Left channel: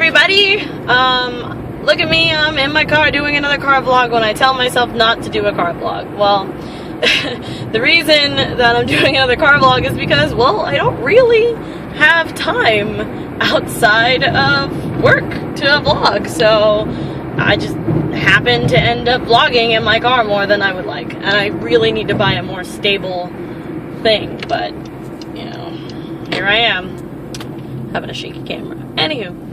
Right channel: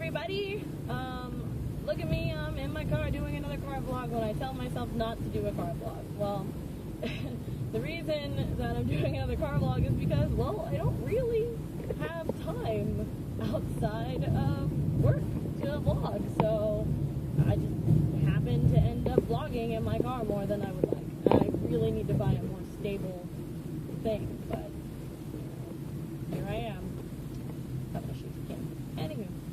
everybody. Look at me, I'm in my car doing another car vlog when I tell myself not to do a car vlog. Well, the reason that I'm doing another car vlog is because, well, I don't really have time outside of work to vlog, so I just happen to end up vlogging in my car more than I would like, and I really need to buy a more stable thing, but, you know, here I am, having a shaky camera. Anywho,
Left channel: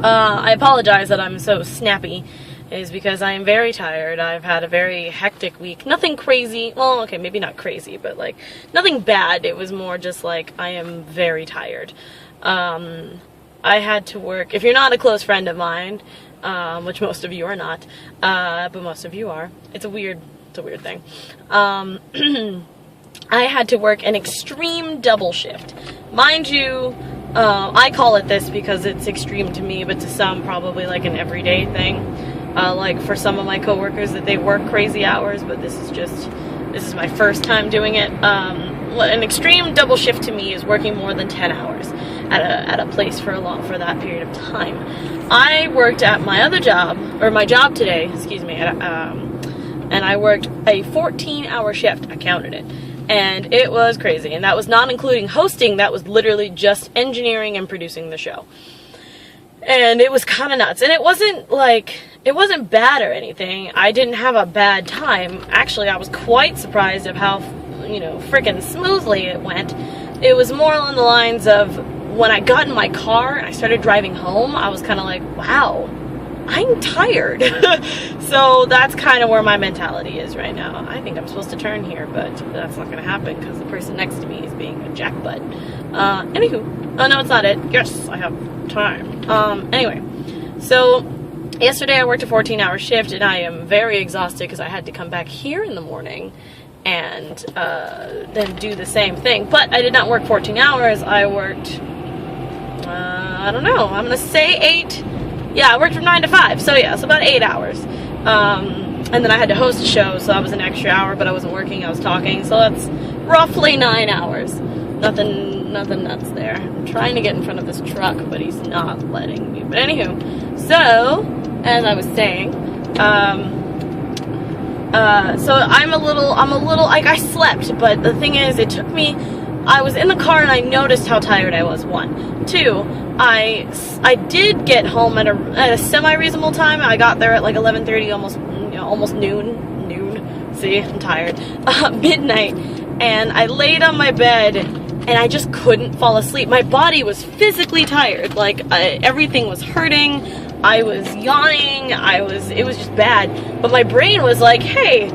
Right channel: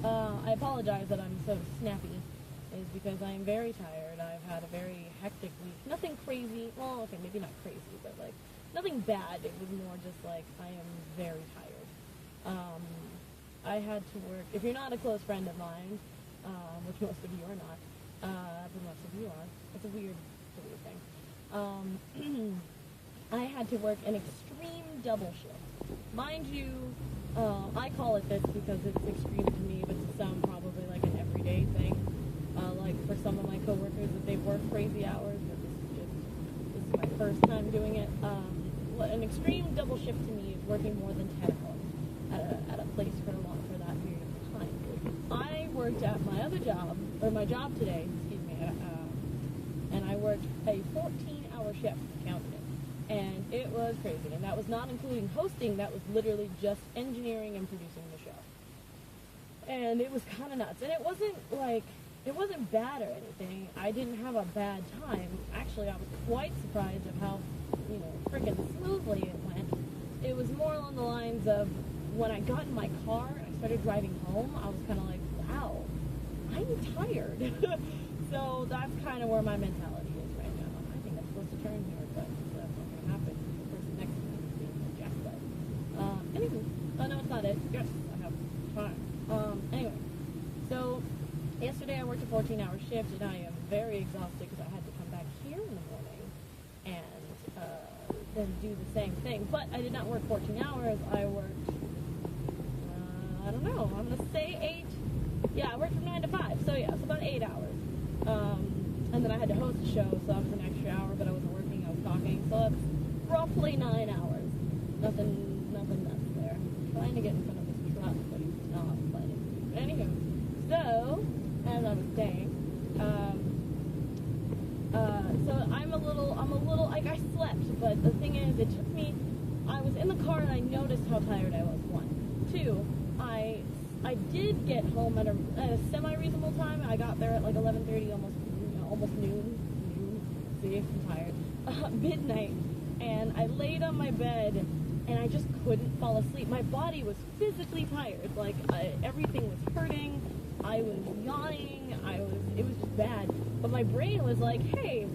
I apologize that I'm so snappy, is because I am very tired. I've had a very hectic week. Nothing crazy, well, okay, maybe not crazy, but like, nothing bad. It was more just like, I am very tired. I had to work, if you're not a close friend of mine, which most of you are not, but most of you are, it's a weird thing. I had to work an extreme double shift. Mind you, I call it this because it's extreme to me, but to some probably like an everyday thing. Like for some of my coworkers that they work crazy hours, but this is my first time doing it. An extreme double shift to me is working more than 10 hours at a place for that period of time. I worked at my other job, or my job today, excuse me, and I worked a 14-hour shift. I counted it. And it was crazy, and that was not including hosting. That was literally just engineering and producing the show. And it was kind of nuts, and it wasn't bad or anything. I didn't have a bad time. Actually, I was quite surprised of how, you know, freaking smoothly it went. It was more along the lines of when I got in my car and I started driving home, I was kind of like, wow, I'm tired. So that's kind of where my mentality is right now. I think I'm supposed to turn here, but that's not going to happen because the person next to me is being a jackbutt. Anywho, oh no, it's not it. Yes, I have time. Anyway, so yesterday I worked a 14-hour shift and I am very exhausted because I had to come back here in the morning and then do the same thing. But I did not work 14 hours. I worked, I don't know, I'm going to say 8. Yeah, I worked from 9 to 5, so yeah, it's about 8 hours. And then I had to host a show, so that was an extra hour, but I wasn't working, I was talking, so that's roughly 9 hours. Nothing nuts there. I'm trying to get in front of this truck, but he's not letting me. But anywho, so, as I was saying, so I'm a little, like, I slept, but the thing is, it took me, I was in the car and I noticed how tired I was, 1. 2, I did get home at a semi-reasonable time. I got there at like 11:30, almost noon. See, I'm tired. Midnight, and I laid on my bed, and I just couldn't fall asleep. My body was physically tired. Like everything was hurting. I was yawning. It was just bad. But my brain was like, "Hey,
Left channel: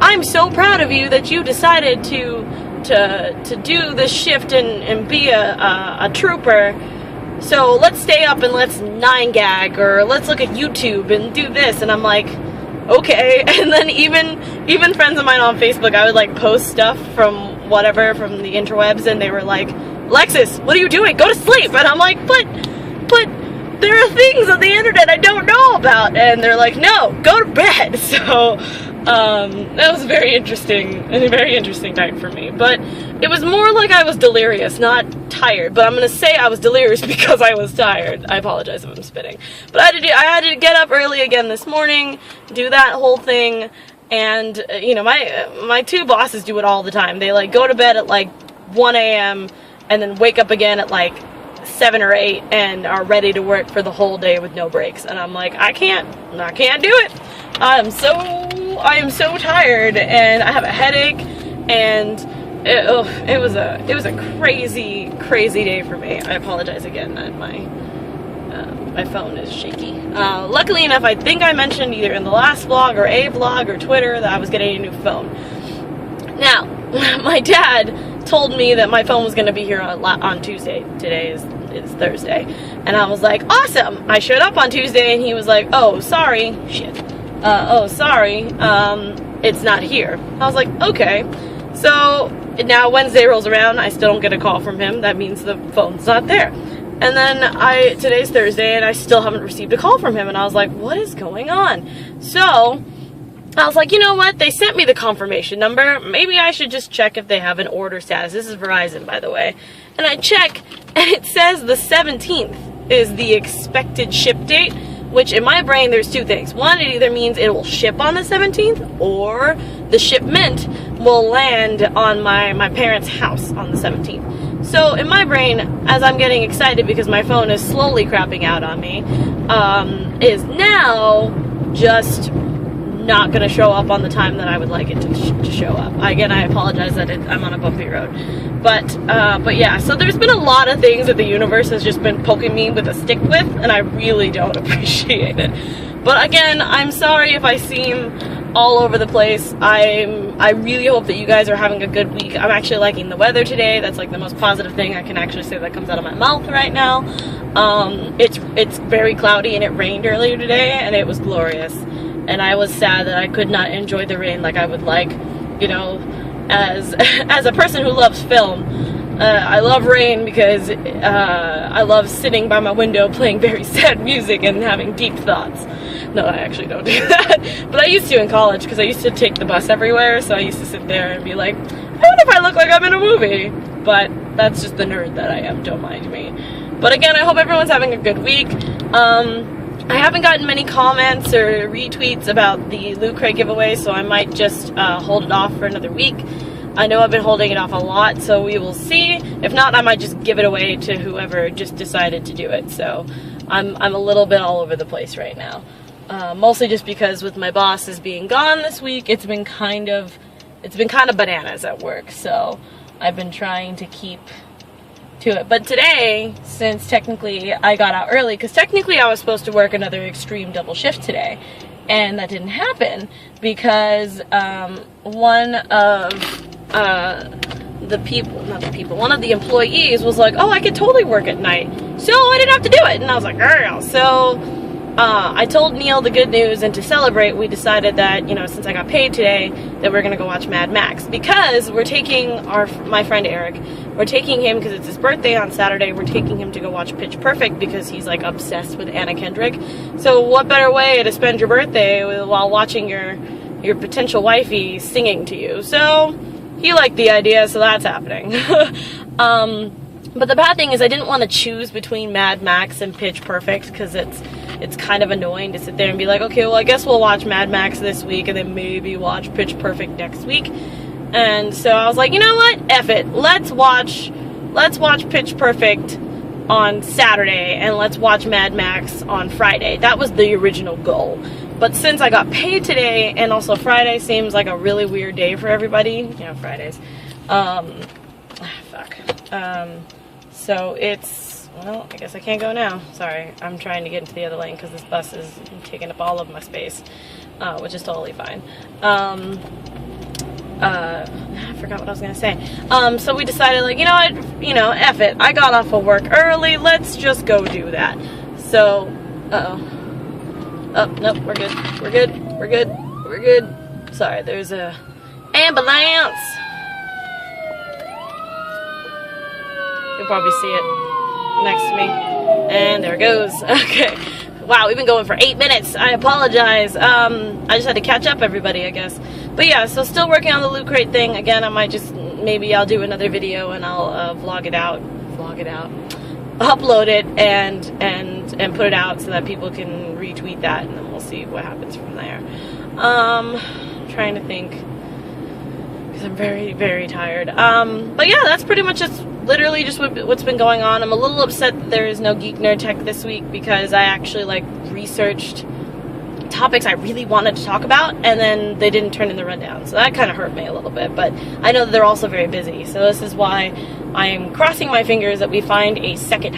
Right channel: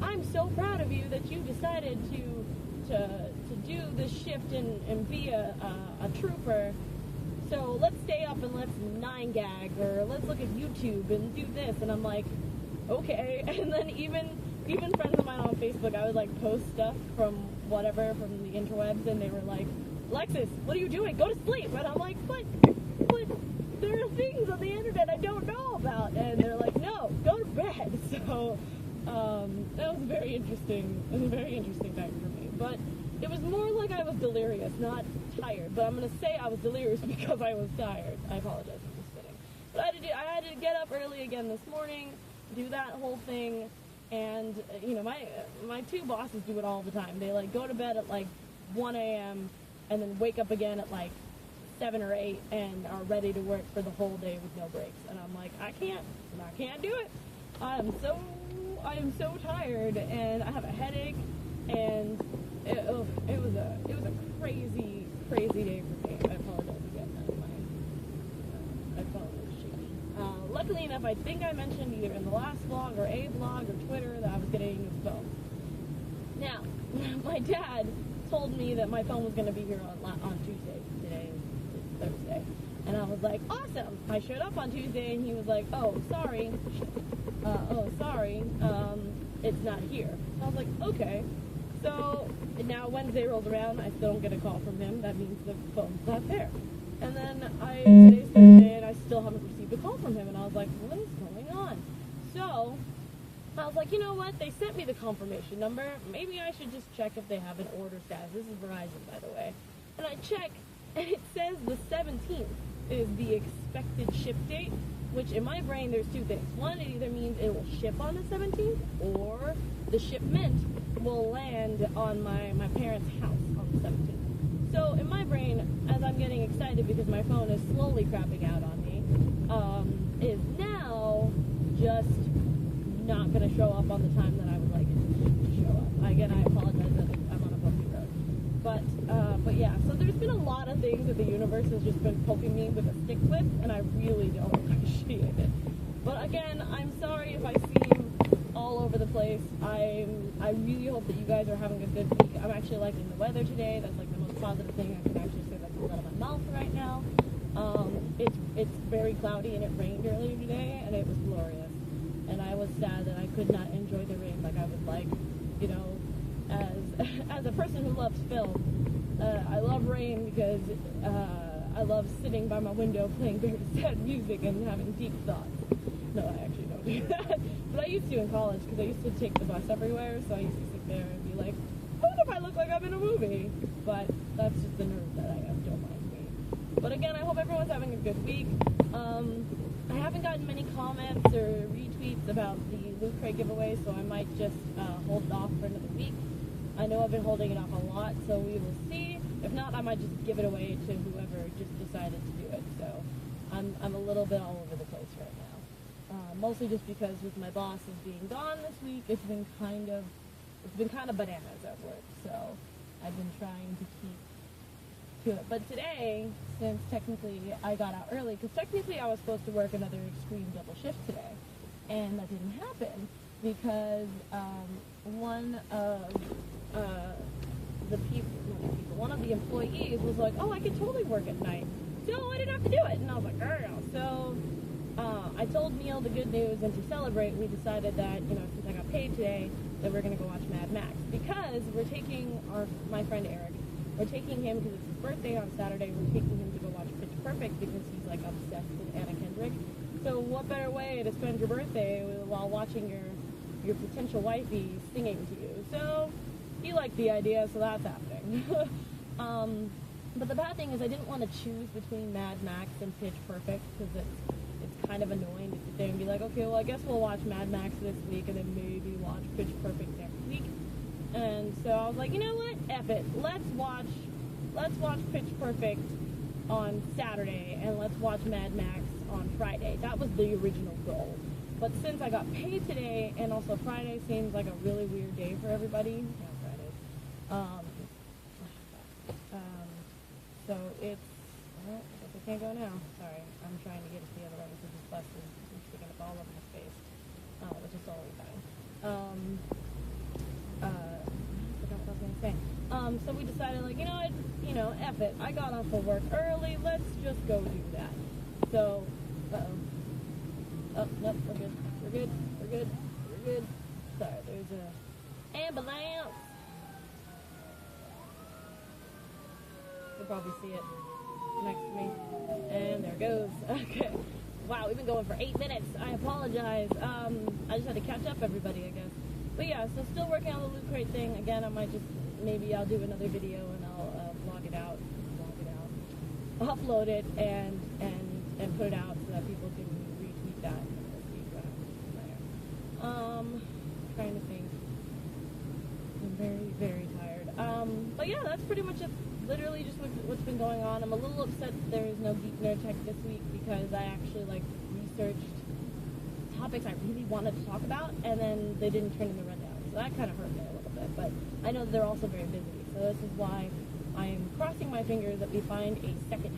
I'm so proud of you that you decided to do this shift and be a trooper. So let's stay up and let's 9gag, or let's look at YouTube and do this." And I'm like, okay. And then even friends of mine on Facebook, I would like post stuff from the interwebs, and they were like, "Alexis, what are you doing? Go to sleep." And I'm like, but there are things on the internet I don't know about. And they're like, "No, go to bed." So that was a very interesting time for me. But it was more like I was delirious, not tired. But I'm gonna say I was delirious because I was tired. I apologize if I'm spitting. But I had to get up early again this morning, do that whole thing, and you know, my 2 bosses do it all the time. They like go to bed at like 1 a.m. and then wake up again at like 7 or 8 and are ready to work for the whole day with no breaks. And I'm like, I can't do it. I am so tired, and I have a headache, and it was a crazy day for me. I apologize again that my phone is shaky. Luckily enough, I think I mentioned either in the last vlog or a vlog or Twitter that I was getting a new phone. Now, my dad told me that my phone was going to be here on Tuesday. Today is Thursday, and I was like, awesome. I showed up on Tuesday, and he was like, oh sorry, it's not here. I was like, okay. So now Wednesday rolls around, I still don't get a call from him. That means the phone's not there. And then today's Thursday, and I still haven't received a call from him, and I was like, what is going on? So I was like, you know what? They sent me the confirmation number. Maybe I should just check if they have an order status. This is Verizon, by the way. And I check, and it says the 17th is the expected ship date, which in my brain there's two things. One, it either means it will ship on the 17th, or the shipment will land on my parents' house on the 17th. So in my brain, as I'm getting excited because my phone is slowly crapping out on me, is now just not going to show up on the time that I would like it to show up. Again, I apologize that I'm on a bumpy road. But yeah, so there's been a lot of things that the universe has just been poking me with a stick with, and I really don't appreciate it. But again, I'm sorry if I seem all over the place. I really hope that you guys are having a good week. I'm actually liking the weather today. That's like the most positive thing I can actually say that comes out of my mouth right now. It's very cloudy, and it rained earlier today, and it was glorious. And I was sad that I could not enjoy the rain like I would like, you know, as a person who loves film. I love rain because I love sitting by my window playing very sad music and having deep thoughts. No, I actually don't do that. But I used to in college, because I used to take the bus everywhere, so I used to sit there and be like, I wonder if I look like I'm in a movie. But that's just the nerd that I am, don't mind me. But again, I hope everyone's having a good week. I haven't gotten many comments or retweets about the Loot Crate giveaway, so I might just hold it off for another week. I know I've been holding it off a lot, so we will see. If not, I might just give it away to whoever just decided to do it. So I'm a little bit all over the place right now. Mostly just because with my bosses being gone this week, it's been kind of bananas at work. So I've been trying to keep to it. But today, since technically I got out early, because technically I was supposed to work another extreme double shift today, and that didn't happen because one of one of the employees was like, oh, I could totally work at night, so I didn't have to do it. And I was like, girl. So I told Neil the good news, and to celebrate, we decided that, you know, since I got paid today, that we're gonna go watch Mad Max, because we're taking my friend Eric, we're taking him because it's his birthday on Saturday. We're taking him to go watch Pitch Perfect because he's like obsessed with Anna Kendrick. So what better way to spend your birthday while watching your potential wifey singing to you? So he liked the idea, so that's happening. But the bad thing is I didn't want to choose between Mad Max and Pitch Perfect, because it's kind of annoying to sit there and be like, okay, well, I guess we'll watch Mad Max this week and then maybe watch Pitch Perfect next week. And so I was like, you know what? F it. Let's watch Pitch Perfect on Saturday, and let's watch Mad Max on Friday. That was the original goal. But since I got paid today, and also Friday seems like a really weird day for everybody, you know, Fridays. So it's, well, I guess I can't go now. Sorry, I'm trying to get into the other lane because this bus is taking up all of my space, which is totally fine. I forgot what I was gonna say. So we decided, like, you know what, you know, F it. I got off of work early. Let's just go do that. So, oh, nope, we're good. We're good. We're good. We're good. Sorry, there's a ambulance. You'll probably see it next to me. And there it goes. Okay. Wow, we've been going for 8 minutes. I apologize. I just had to catch up, everybody, I guess. But yeah, so still working on the Loot Crate thing. Again, I might just, maybe I'll do another video and I'll upload it and put it out so that people can retweet that, and then we'll see what happens from there. I'm trying to think, because I'm very, very tired. But yeah, that's pretty much just literally just what's been going on. I'm a little upset that there is no Geek Nerd Tech this week, because I actually like researched topics I really wanted to talk about, and then they didn't turn in the rundown, so that kind of hurt me a little bit. But I know that they're also very busy, so this is why I'm crossing my fingers that we find a fourth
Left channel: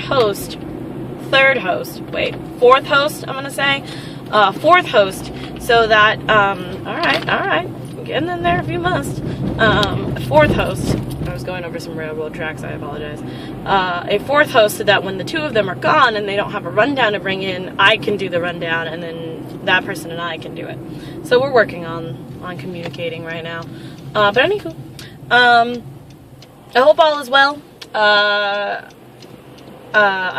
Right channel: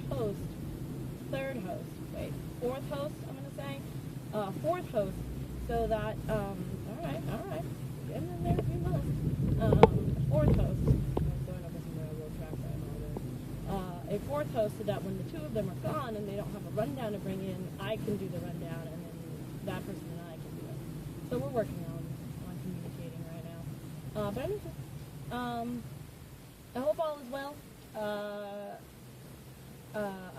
host, I'm gonna say, fourth host, so that alright, getting in there if you must. Fourth host, I was going over some railroad tracks, I apologize. A fourth host, so that when the two of them are gone and they don't have a rundown to bring in, I can do the rundown, and then that person and I can do it. So we're working on communicating right now. But anywho, I hope all is well. I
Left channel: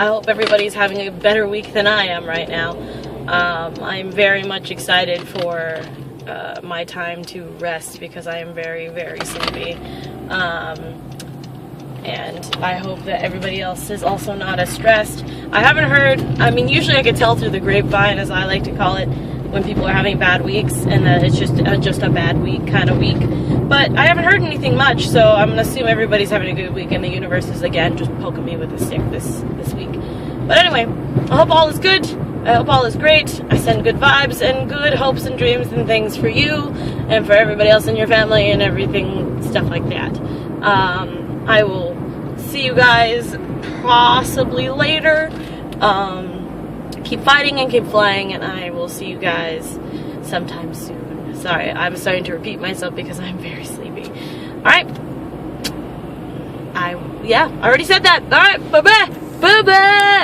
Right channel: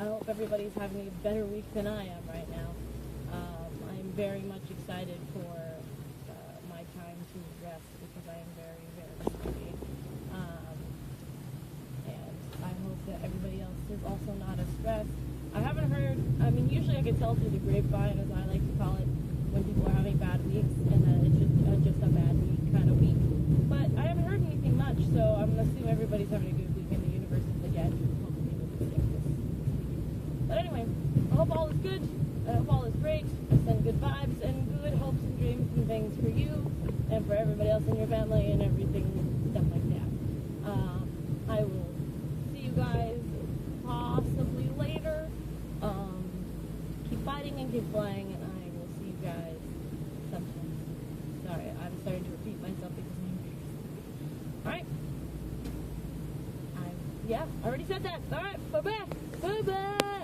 hope everybody's having a better week than I am right now. I'm very much excited for my time to rest, because I am very, very sleepy. and I hope that everybody else is also not as stressed. I haven't heard, I mean, usually I could tell through the grapevine, as I like to call it, when people are having bad weeks, and that it's just a bad week kind of week. But I haven't heard anything much, so I'm gonna assume everybody's having a good week, and the universe is again just poking me with a stick this week. But anyway, I hope all is good. I hope all is great. I send good vibes and good hopes and dreams and things for you and for everybody else in your family and everything, stuff like that. I will see you guys possibly later. Keep fighting and keep flying, and I will see you guys sometime soon. Sorry, I'm starting to repeat myself because I'm very sleepy. Alright. Yeah, I already said that. Alright, bye-bye. Bye-bye.